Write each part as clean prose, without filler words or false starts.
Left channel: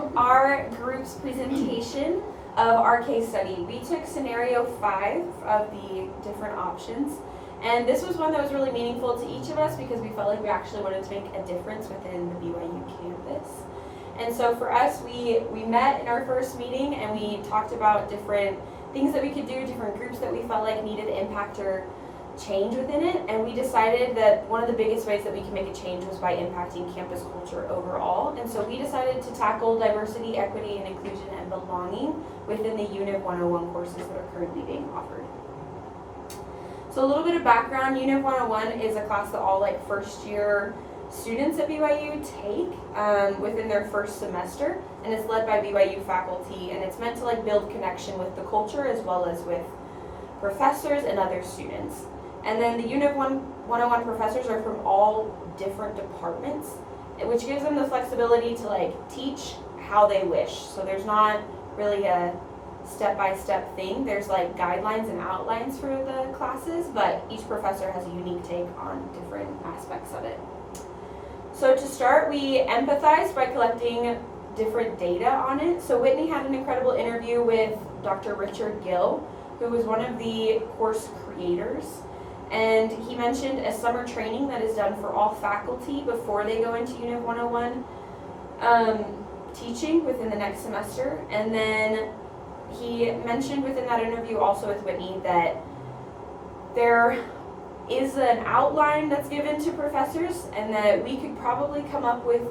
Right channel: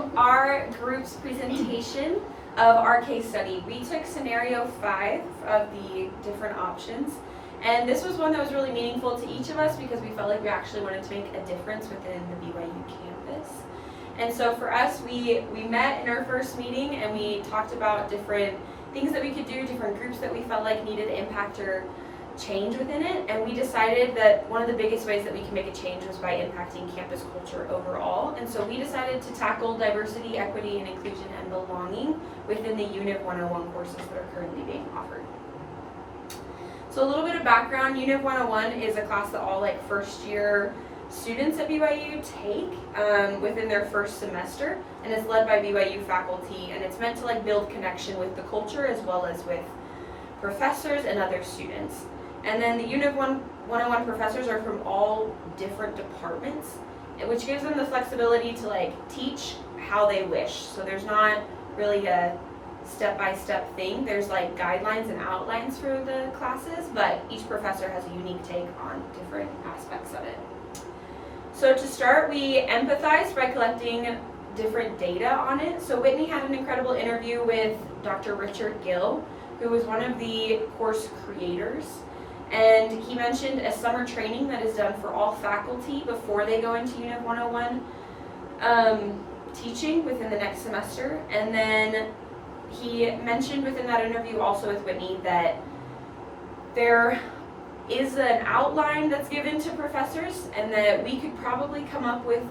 to our group's presentation of our case study. We took scenario 5 of the different options, and this was one that was really meaningful to each of us because we felt like we actually wanted to make a difference within the BYU campus. And so for us, we met in our first meeting and we talked about different things that we could do, different groups that we felt like needed impact or change within it, and we decided that one of the biggest ways that we can make a change was by impacting campus culture overall. And so we decided to tackle diversity, equity, and inclusion and belonging within the UNIV 101 courses that are currently being offered. So a little bit of background, UNIV 101 is a class that all first year students at BYU take within their first semester, and it's led by BYU faculty, and it's meant to build connection with the culture as well as with professors and other students. And then the UNIV 101 professors are from all different departments, which gives them the flexibility to teach how they wish. So there's not really a step-by-step thing. There's guidelines and outlines for the classes, but each professor has a unique take on different aspects of it. So to start, we empathized by collecting different data on it. So Whitney had an incredible interview with Dr. Richard Gill, who was one of the course creators. And he mentioned a summer training that is done for all faculty before they go into UNIV 101 teaching within the next semester. And then he mentioned within that interview also with Whitney that there is an outline that's given to professors and that we could probably come up with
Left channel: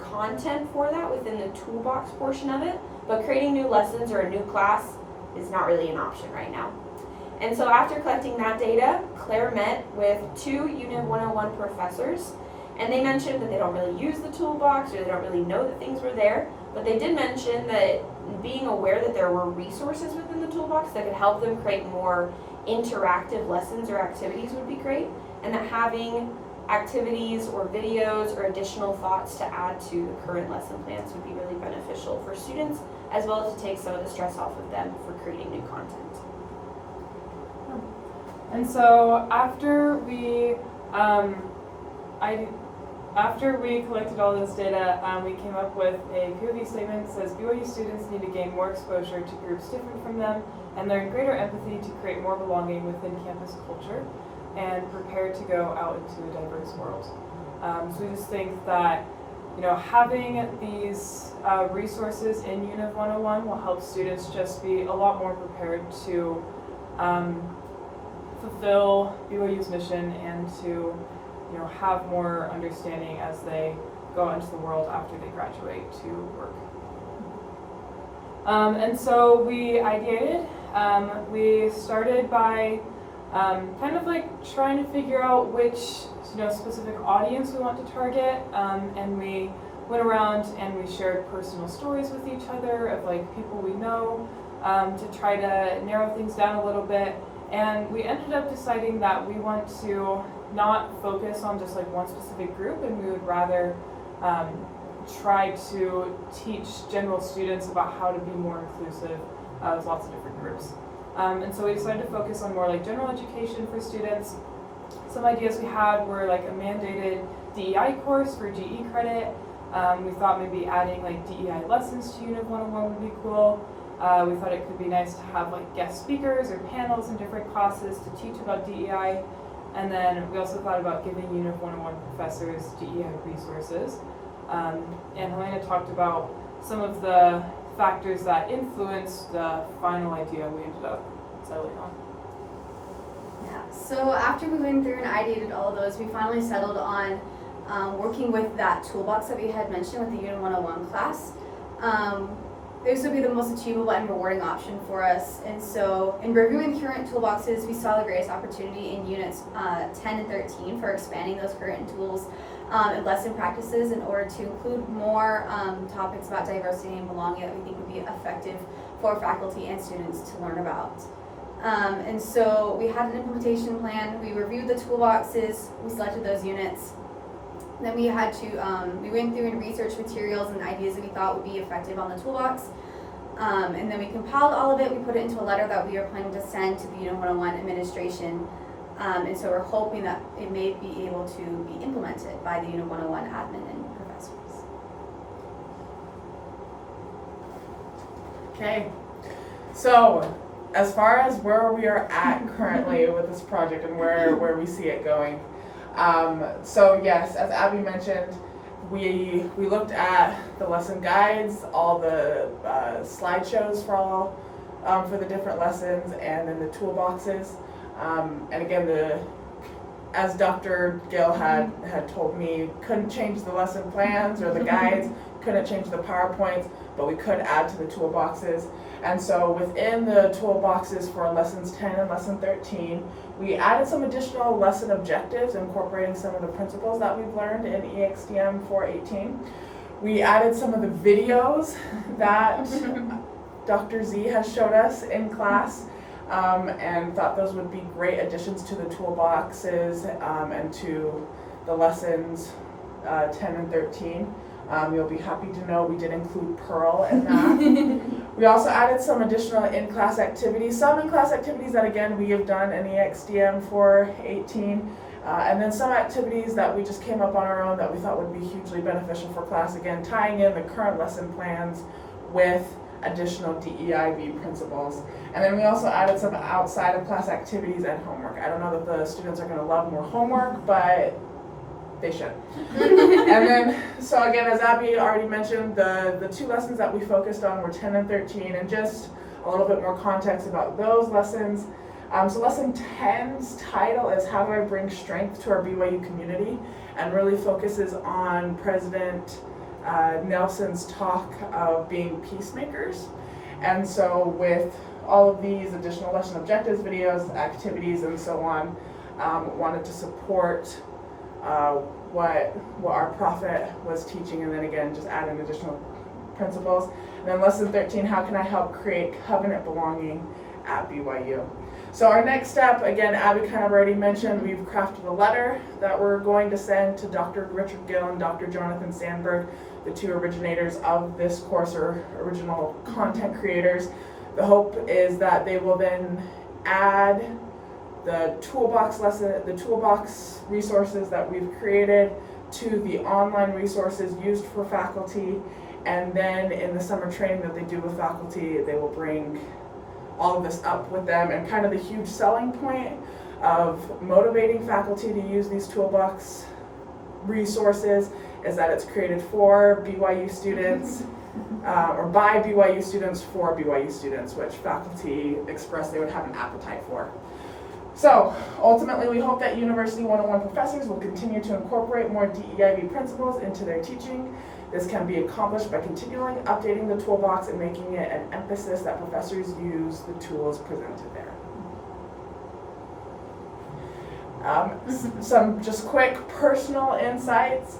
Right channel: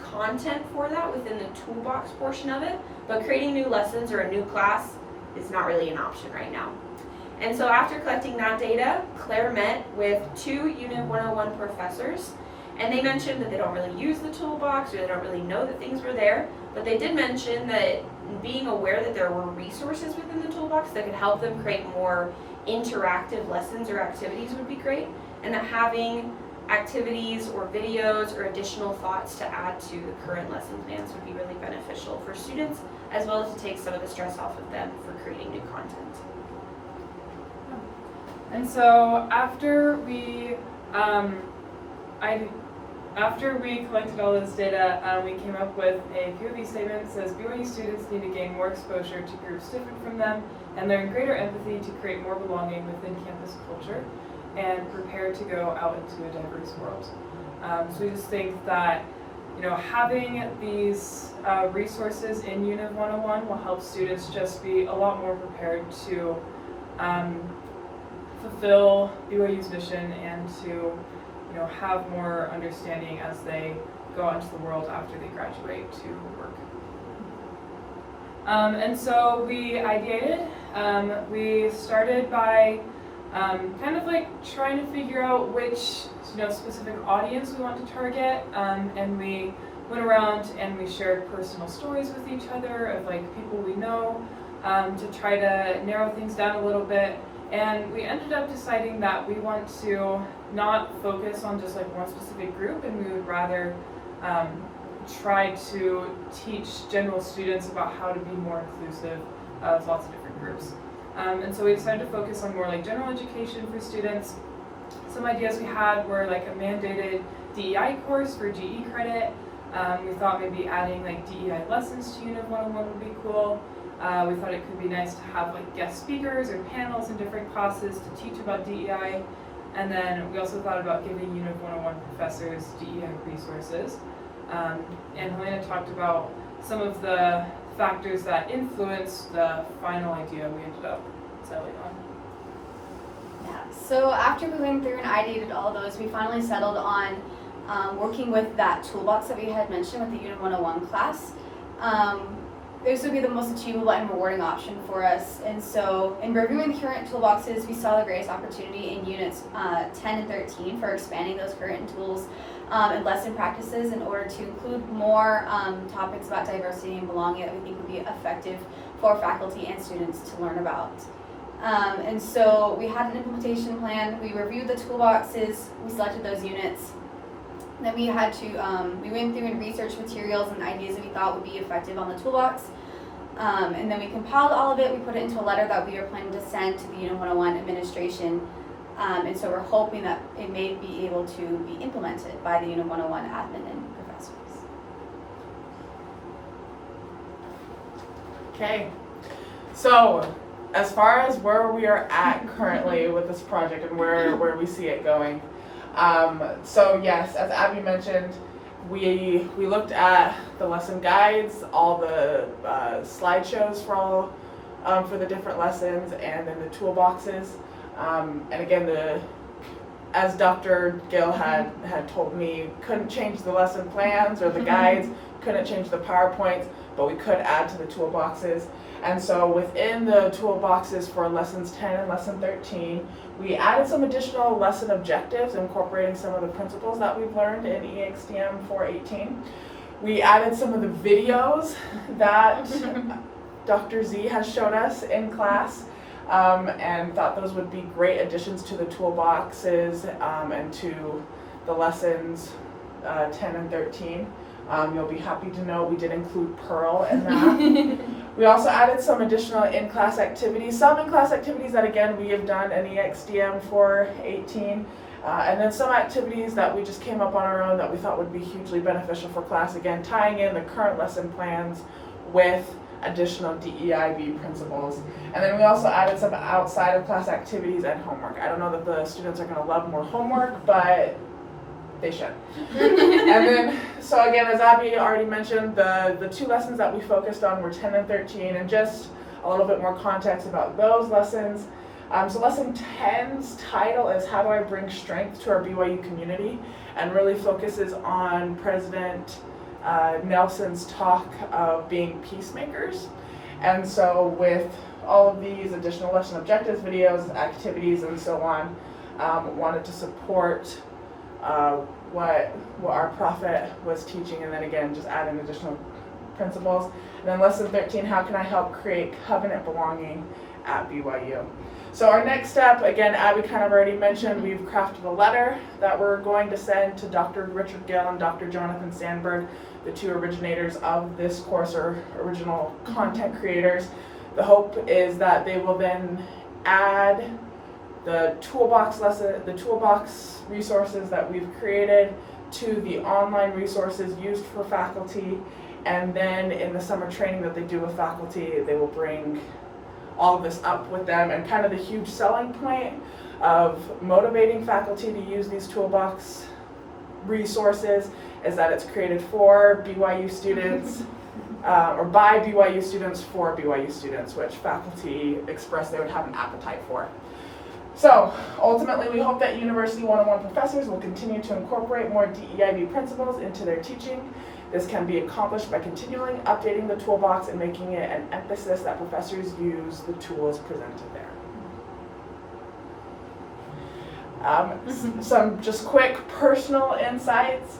content for that within the toolbox portion of it, but creating new lessons or a new class is not really an option right now. And so after collecting that data, Claire met with 2 UNIV 101 professors, and they mentioned that they don't really use the toolbox or they don't really know that things were there, but they did mention that being aware that there were resources within the toolbox that could help them create more interactive lessons or activities would be great, and that having activities or videos or additional thoughts to add to the current lesson plans would be really beneficial for students, as well as to take some of the stress off of them for creating new content. And so after we collected all of this data, we came up with a POV statement that says BYU students need to gain more exposure to groups different from them and learn greater empathy to create more belonging within campus culture and prepare to go out into a diverse world. So we just think that having these resources in UNIV 101 will help students just be a lot more prepared to fulfill BYU's mission and to have more understanding as they go out into the world after they graduate to work. And so we ideated. We started by trying to figure out which specific audience we want to target, and we went around and we shared personal stories with each other of people we know to try to narrow things down a little bit. And we ended up deciding that we want to not focus on just one specific group, and we would rather try to teach general students about how to be more inclusive of lots of different groups. And so we decided to focus on more general education for students. Some ideas we had were a mandated DEI course for GE credit. We thought maybe adding DEI lessons to UNIV 101 would be cool. We thought it could be nice to have guest speakers or panels in different classes to teach about DEI. And then we also thought about giving UNIV 101 professors DEI resources. And Helena talked about some of the factors that influenced the final idea we ended up settling on. Yeah, so after going through and ideated all those, we finally settled on working with that toolbox that we had mentioned with the UNIV 101 class. This would be the most achievable and rewarding option for us. And so in reviewing the current toolboxes, we saw the greatest opportunity in units 10 and 13 for expanding those current tools and lesson practices in order to include more topics about diversity and belonging that we think would be effective for faculty and students to learn about. And so we had an implementation plan, we reviewed the toolboxes, we selected those units. Then we had to, we went through and researched materials and ideas that we thought would be effective on the toolbox. And then we compiled all of it, we put it into a letter that we are planning to send to the UNIV 101 administration. And so we're hoping that it may be able to be implemented by the UNIV 101 admin and professors. Okay, so as far as where we are at currently with this project and where we see it going, so yes, as Abby mentioned, we looked at the lesson guides, all the slideshows for the different lessons, and then the toolboxes, and again, as Dr. Gill had told me, couldn't change the lesson plans or the guides, couldn't change the PowerPoints, but we could add to the toolboxes. And so within the toolboxes for lessons 10 and lesson 13, we added some additional lesson objectives incorporating some of the principles that we've learned in EXDM 418. We added some of the videos that Dr. Z has showed us in class, and thought those would be great additions to the toolboxes and to the lessons 10 and 13. You'll be happy to know we did include Pearl in that. We also added some additional in-class activities, some in-class activities that again we have done in EXDM 418, and then some activities that we just came up on our own that we thought would be hugely beneficial for class, again tying in the current lesson plans with additional DEIB principles. And then we also added some outside of class activities and homework. I don't know that the students are going to love more homework, but they should. And then, so again, as Abby already mentioned, the two lessons that we focused on were 10 and 13, and just a little bit more context about those lessons. So lesson 10's title is How Do I Bring Strength to Our BYU Community, and really focuses on President Nelson's talk of being peacemakers. And so with all of these additional lesson objectives, videos, activities, and so on, wanted to support what our prophet was teaching, and then again just add in additional principles. And then lesson 13, how can I help create covenant belonging at BYU? So our next step, again, Abby kind of already mentioned, we've crafted a letter that we're going to send to Dr. Richard Gill and Dr. Jonathan Sandberg, the two originators of this course, or original content creators. The hope is that they will then add the toolbox resources that we've created to the online resources used for faculty, and then in the summer training that they do with faculty, they will bring all of this up with them. And kind of the huge selling point of motivating faculty to use these toolbox resources is that it's created for BYU students, or by BYU students for BYU students, which faculty expressed they would have an appetite for. So ultimately, we hope that University 101 professors will continue to incorporate more DEIB principles into their teaching. This can be accomplished by continually updating the toolbox and making it an emphasis that professors use the tools presented there. Some just quick personal insights.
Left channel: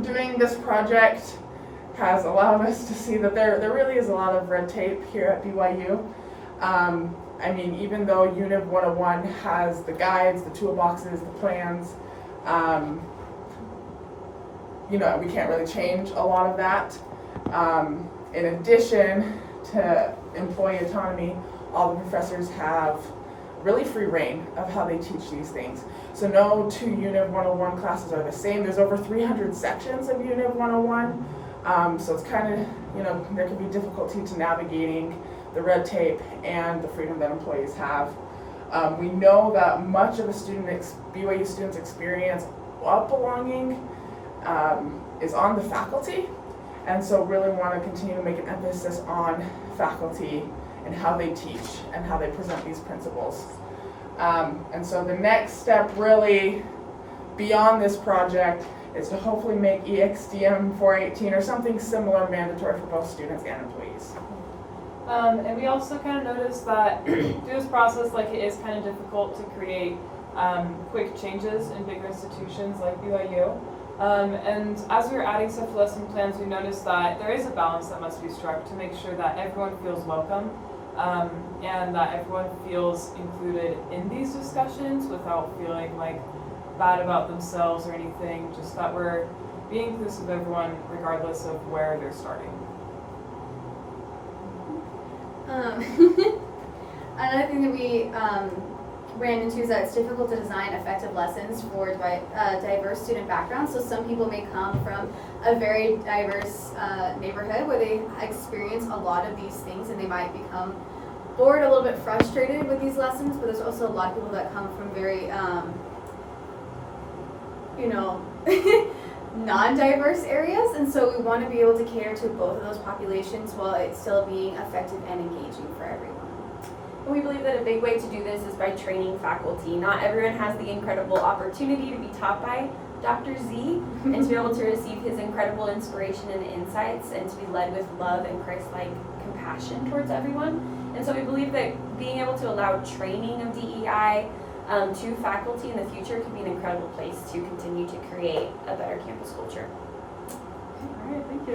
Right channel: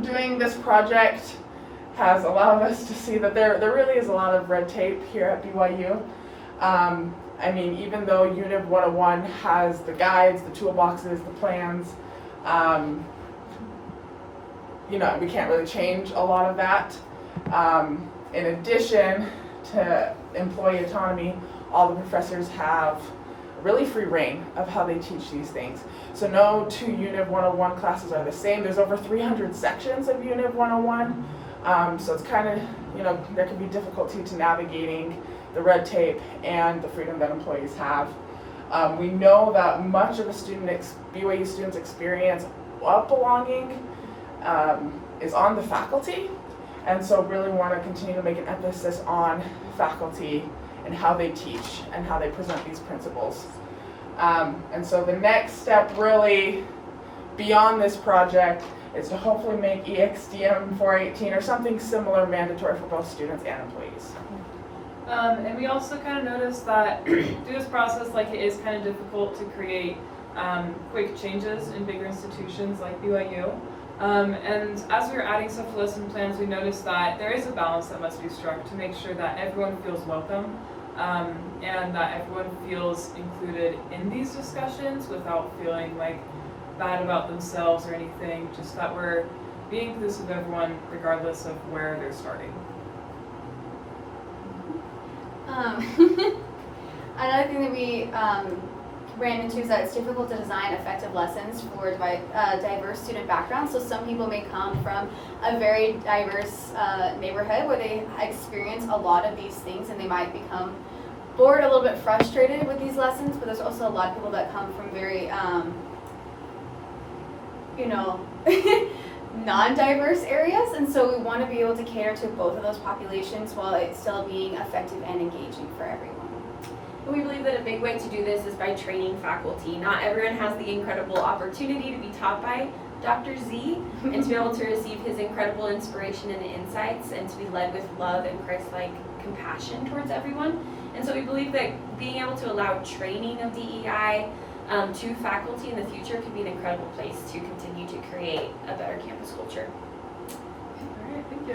Doing this project has allowed us to see that there really is a lot of red tape here at BYU. I mean, even though UNIV 101 has the guides, the toolboxes, the plans, you know, we can't really change a lot of that. In addition to employee autonomy, all the professors have really free reign of how they teach these things. So no two UNIV 101 classes are the same. There's over 300 sections of UNIV 101. So it's kind of, you know, there can be difficulty to navigating the red tape and the freedom that employees have. We know that much of a BYU student's experience of belonging is on the faculty, and so really want to continue to make an emphasis on faculty and how they teach and how they present these principles. And so the next step really beyond this project is to hopefully make EXDM 418 or something similar mandatory for both students and employees. And we also kind of noticed that through this process, like, it is kind of difficult to create quick changes in bigger institutions like BYU. And as we were adding stuff to lesson plans, we noticed that there is a balance that must be struck to make sure that everyone feels welcome, and that everyone feels included in these discussions without feeling like bad about themselves or anything, just that we're being inclusive of everyone regardless of where they're starting. Another thing that we ran into is that it's difficult to design effective lessons for diverse student backgrounds. So some people may come from a very diverse neighborhood where they experience a lot of these things and they might become bored, a little bit frustrated with these lessons, but there's also a lot of people that come from very, non-diverse areas, and so we want to be able to cater to both of those populations while it's still being effective and engaging for everyone. We believe that a big way to do this is by training faculty. Not everyone has the incredible opportunity to be taught by Dr. Z and to be able to receive his incredible inspiration and insights and to be led with love and Christ-like compassion towards everyone. And so we believe that being able to allow training of DEI to faculty in the future could be an incredible place to continue to create a better campus culture.